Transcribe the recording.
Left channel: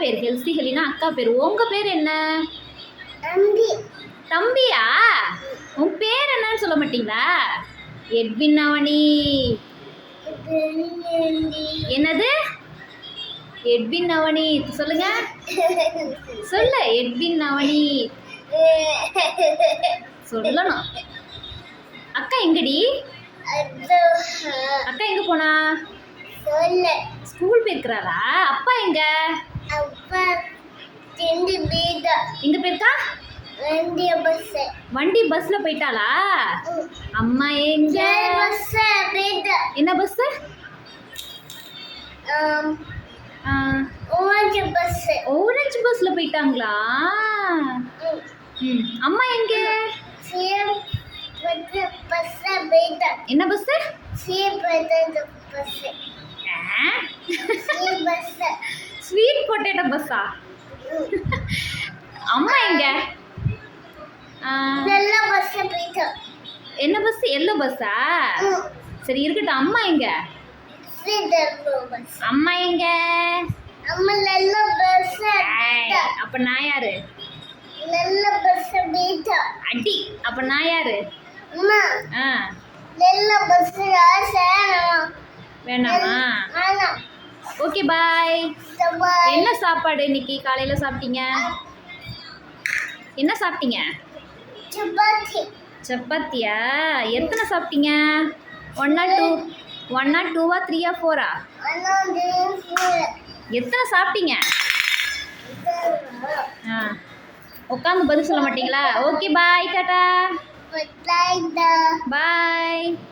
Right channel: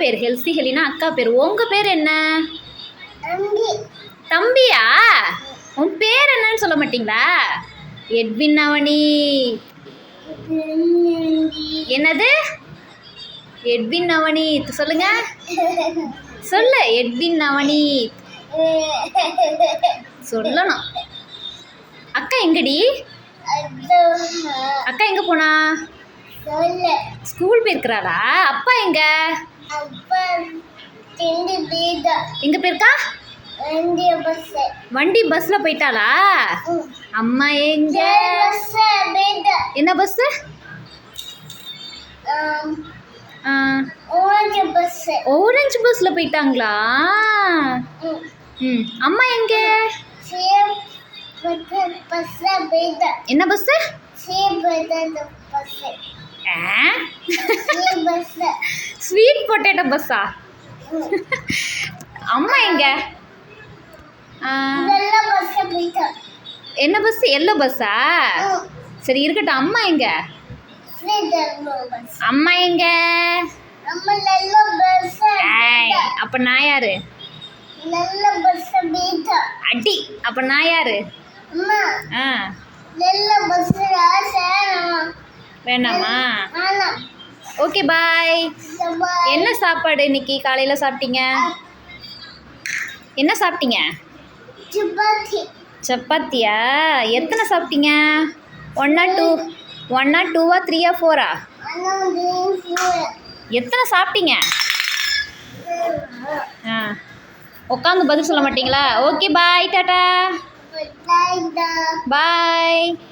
பேர் ஹெல்சி ஹெலினா அக்கா பேர். உங்கள் பேர் என்ன? தம்பியா? உன் பேர் என்னன்னு சொல்ல மாட்டீங்களா? எட்வின் அவனி என்னது? எட்வின் அவனி சொல்லுங்க. சொல்லு எட்வின் அவனி சொல்லணும். அக்கா எங்கடி? அக்கா எங்க போனா? ஸ்கூல் போயிருக்கிறாரா? அப்பா எங்க? எங்க போயிருக்கா? வண்டி பஸ்ல போயிட்டாளா? அம்மா எங்க? என்ன பஸ் ஓரஞ்சு பஸ் ஓரஞ்சு பஸ்ல போயிட்டாங்களா? ம். அம்மா எங்க? என்ன பஸ் ஸ்வீட் பொட்டேட்டோ பஸ்ஸா அம்மா எங்க? என்ன பஸ் எல்லோ பஸ்ஸா சரி இருக்கட்டும். அம்மா எங்க? அம்மா எங்க? அப்ப நான் யாரு? அடி அப்ப நான் யாரு? ஆ. வேணாமா. Okay bye. என்ன சாப்பாடு இன்னைக்கு காலையில சாப்பிட்டீங்க? என்ன சாப்பிட்டீங்க? சப்பாத்தி. சப்பாத்தியா? எத்தனை சாப்பிட்டீங்க? ஒன்னா டூ ஒன்னா டூவா த்ரீயா ஃபோரா எத்தனை சாப்பிட்டீங்க? ஆ. உட்காந்து பதில் சொல்ல மாட்டீங்களா? Okay bye tata Bye.